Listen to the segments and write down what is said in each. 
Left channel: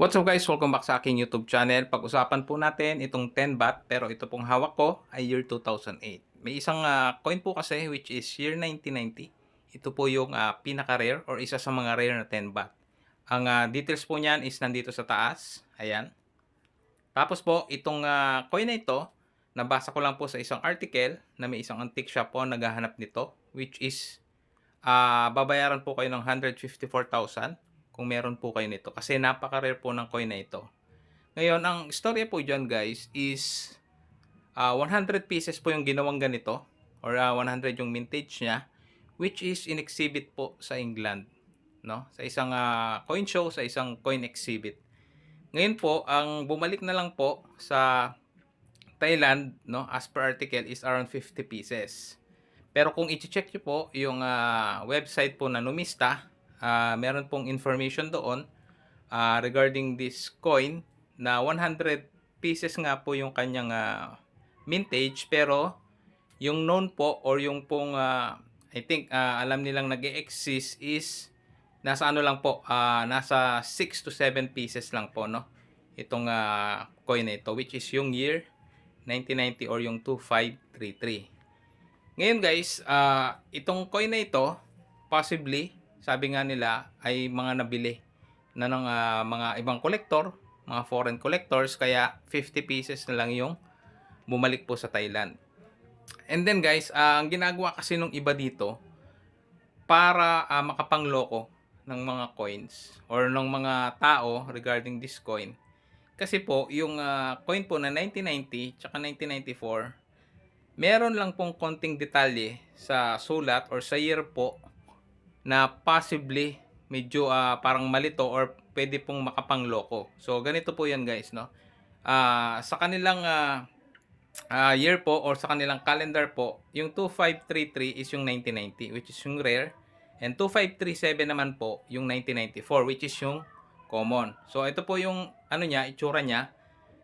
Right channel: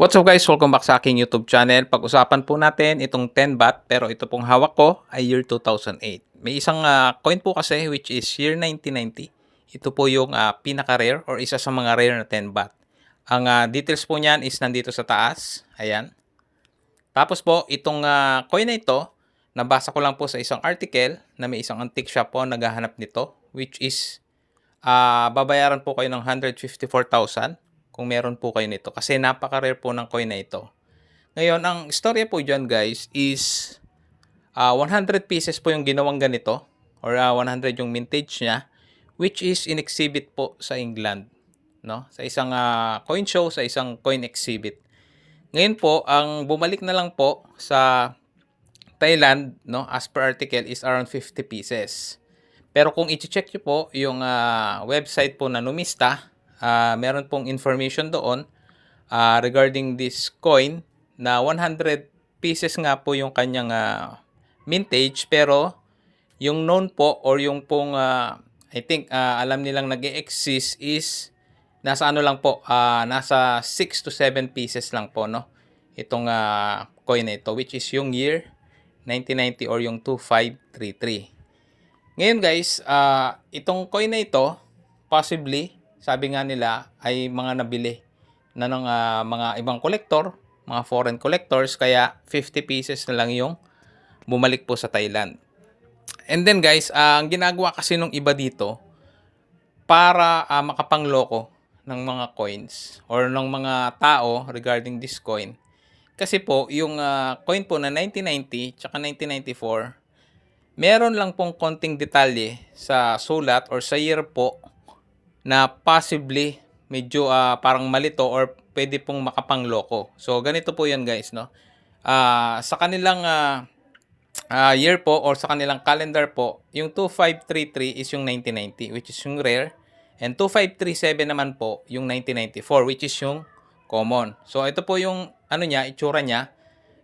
What's up guys? Welcome back sa aking YouTube channel. Pag-usapan po natin itong 10 baht pero ito pong hawak ko ay year 2008. May isang coin po kasi which is year 1990. Ito po yung pinaka-rare or isa sa mga rare na 10 baht. Ang details po niyan is nandito sa taas. Ayan. Tapos po itong coin na ito, nabasa ko lang po sa isang article na may isang antique shop po naghahanap nito which is babayaran po kayo ng 154,000 kung meron po kayo nito kasi napaka-rare po ng coin na ito. Ngayon, ang istorya po dyan guys is 100 pieces po yung ginawang ganito or 100 yung mintage niya which is in exhibit po sa England, no? Sa isang coin show, sa isang coin exhibit. Ngayon po, ang bumalik na lang po sa Thailand, no, as per article is around 50 pieces. Pero kung i-check nyo po yung website po na Numista, meron pong information doon regarding this coin na 100 pieces nga po yung kanyang mintage pero yung known po or yung pong I think alam nilang nag-e-exist is nasa ano lang po, nasa 6 to 7 pieces lang po, no? Itong coin na ito which is yung year 1990 or yung 2533. Ngayon guys, itong coin na ito, possibly, sabi nga nila, ay mga nabili na ng mga ibang collector, mga foreign collectors, kaya 50 pieces na lang yung bumalik po sa Thailand. And then guys, ang ginagawa kasi nung iba dito, para makapangloko ng mga coins or ng mga tao regarding this coin. Kasi po, yung coin po na 1990 tsaka 1994, meron lang pong konting detalye sa sulat or sa year po na possibly medyo parang malito or pwede pong makapangloko. So ganito po 'yan guys, no. Sa kanilang year po or sa kanilang calendar po, yung 2533 is yung 1990 which is yung rare and 2537 naman po yung 1994 which is yung common. So ito po yung ano niya, itsura niya.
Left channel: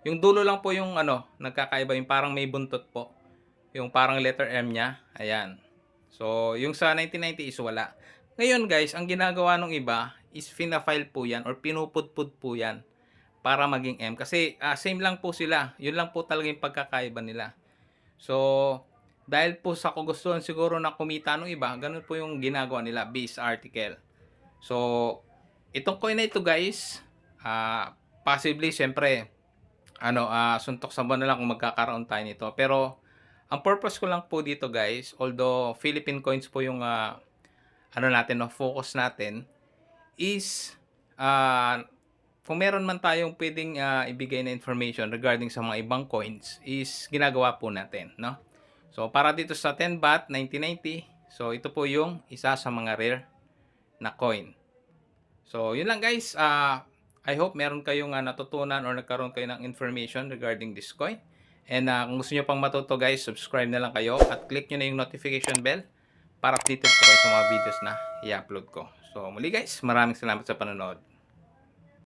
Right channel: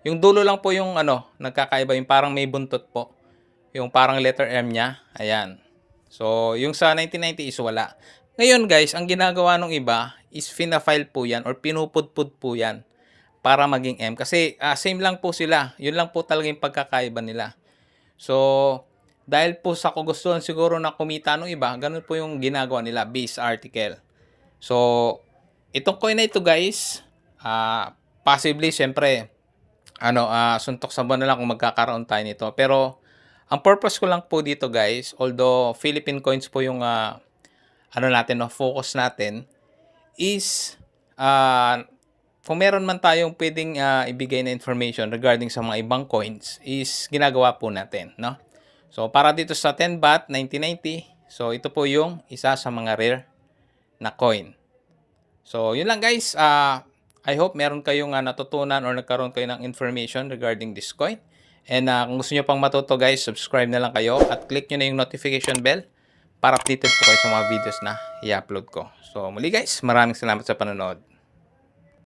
Yung dulo lang po yung ano, nagkakaiba, yung parang may buntot po. Yung parang letter M niya, ayan. So, yung sa 1990 is wala. Ngayon guys, ang ginagawa ng iba is fina-file po yan or pinupudpud po yan para maging M. Kasi same lang po sila. Yun lang po talaga yung pagkakaiba nila. So, dahil po sa kagustuhan siguro na kumita ng iba, ganun po yung ginagawa nila based article. So, itong coin na ito guys, possibly syempre, suntok sa buwan na lang kung magkakaroon tayo nito. Pero, ang purpose ko lang po dito guys, although Philippine coins po yung natin, no, focus natin, is kung meron man tayong pwedeng ibigay na information regarding sa mga ibang coins, is ginagawa po natin, no? So, para dito sa 10 baht 1990, so ito po yung isa sa mga rare na coin. So, yun lang guys. I hope meron kayong natutunan or nagkaroon kayo ng information regarding this coin. And kung gusto nyo pang matuto guys, subscribe na lang kayo at click nyo na yung notification bell para updated po kayo sa mga videos na i-upload ko. So, muli guys, maraming salamat sa panonood.